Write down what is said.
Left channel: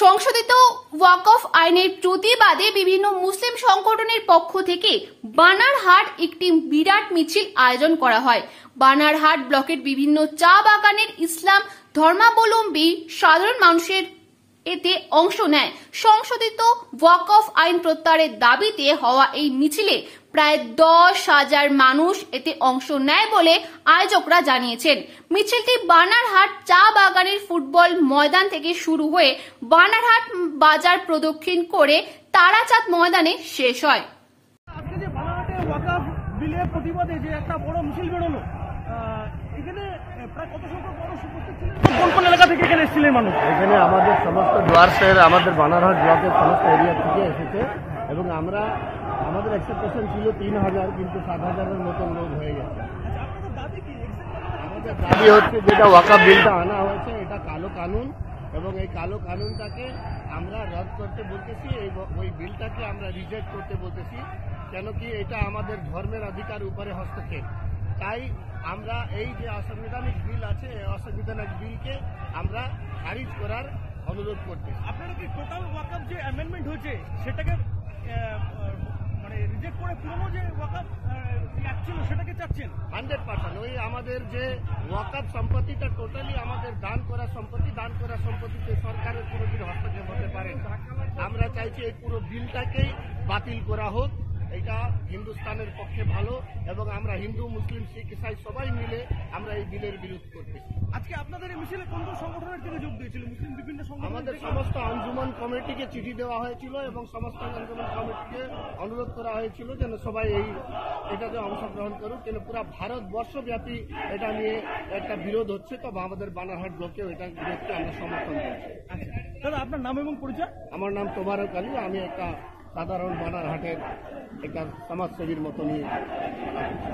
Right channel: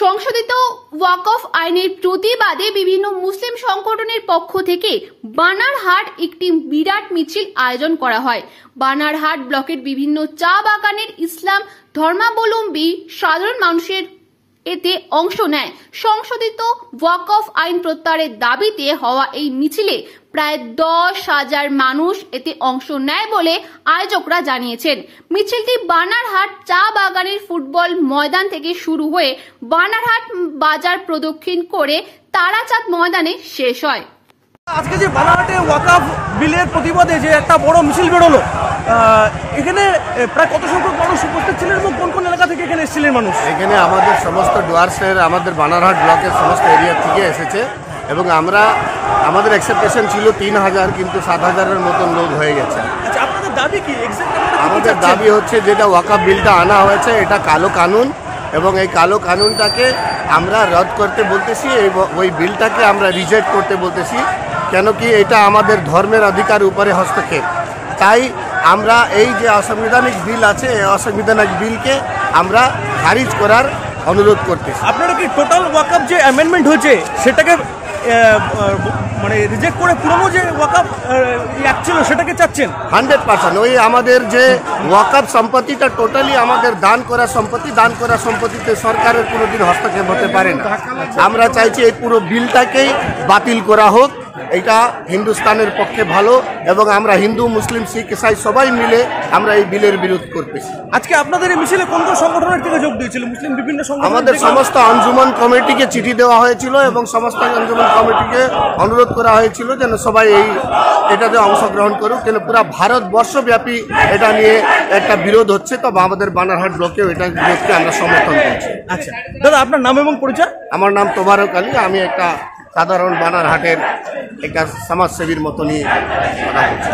সংশোধিত ওয়াকফ আইনের প্রতিবাদে বিভিন্ন মুসলিম সংগঠনের পক্ষ থেকে বানারহাট একটি বিরাট মিছিল আয়োজন করা হয়। বানারহাট ব্লকের বিভিন্ন চা বাগানের ইসলাম ধর্মাবলম্বী সাধারণ মানুষের এতে অংশ নেয়। সংশোধিত ওয়াকফ আইন প্রত্যাহারের দাবিতে হওয়া এই মিছিলে প্রায় 10,000 মানুষ এতে অংশ নেয় বলে আয়োজকরা জানিয়েছেন। মিছিলটি বানারহাট চা বাগানের ফুটবল ময়দান থেকে শুরু হয়ে বানারহাট বাজার প্রদক্ষিণ করে তারাচাঁদ ময়দানে শেষ হয়। আজকে যে বানারহাটে ওয়াকফ বিলের প্রতিবাদে যে একটা বড় মিছিল বেরোলো, এখানে প্রায় কত সংখ্যক মানুষ উপস্থিত ছিলেন এবং কোন কোন এলাকা থেকে এখানে এসেছিলেন মানুষ? এখানে আমাদের সমস্ত ডুয়ার্সের আমাদের বানারহাট ব্লকের সমস্ত এরিয়া থেকে এসেছে এবং আমাদের এক্সপেকটেশন ছিল 3,000, কিন্তু 7,000-এর মতন লোক হয়ে গেছে। আচ্ছা, আপনাদের দাবি কি? আমাদের দাবি হচ্ছে যেটা ওয়াকফ বিলটা আনা হয়েছে এটা কালো কানুন, এবং এই কালো কানুনটাকে আমরা রদ করতে বলতেছি, ওই বিলটাকে আমরা রিজেক্ট করতে বলতেছি। কেন কি এটা আমাদের ধর্মের অধিকার উপরে হস্তক্ষেপ। তাই আমরা এই যে অসাংবিধানিক বিল আছে, এই অসাংবিধানিক বিলকে আমরা খারিজ করার অনুরোধ করতেছি। আপনারা কি টোটাল ওয়াকফ যে অ্যামেন্ডমেন্ট হয়েছে সেটাকে মানে রিজেক্ট করে পুরনো যে ওয়াকফ অ্যাক্ট ছিল সেটাকে চাচ্ছেন? 100%। ওই আমাদের যে ওয়াকফ সম্পত্তিটা টোটালি আমাদের দান করা সম্পত্তিতে সরকারের কোনোদিন হস্তক্ষেপ হতে পারে না। আমরা চাইছি এই পুরো বিলটাকেই বাতিল করা হোক। এটা হিন্দুস্তানের পক্ষে ভালো, এবং আমরা হিন্দু, মুসলিম, শিখ, ইসাই সবাই মিলে আমরা এই বিলের বিরোধ করতেছি। আজকে আপনাদের এই মিছিলে কোন কোন সংগঠনের থেকে যোগ দিয়েছিল? মুসলিম বিভিন্ন সংগঠন, আমাদের সমস্ত আঞ্জুমান কমিটিকে চিঠি দেওয়া হয়েছিল এবং সমস্ত আঞ্জুমান কমিটিকে অনুরোধ করা হয়েছিল যেন সবাই এটাতে অংশগ্রহণ করুক। কেন পুরো ভারতবর্ষব্যাপী এটা নিয়ে একটা বিরোধ হচ্ছে, তো আমাদের বানারহাট ব্লকেও এটা বিরোধকে আমরা সমর্থন করছি। আচ্ছা দাদা, আপনার নাম এবং পরিচয়? আমার নাম তোবারক আলী। আমি একটা সাধারণ বানারহাটের একটা সমাজসেবীর মতনই কথা বলছি।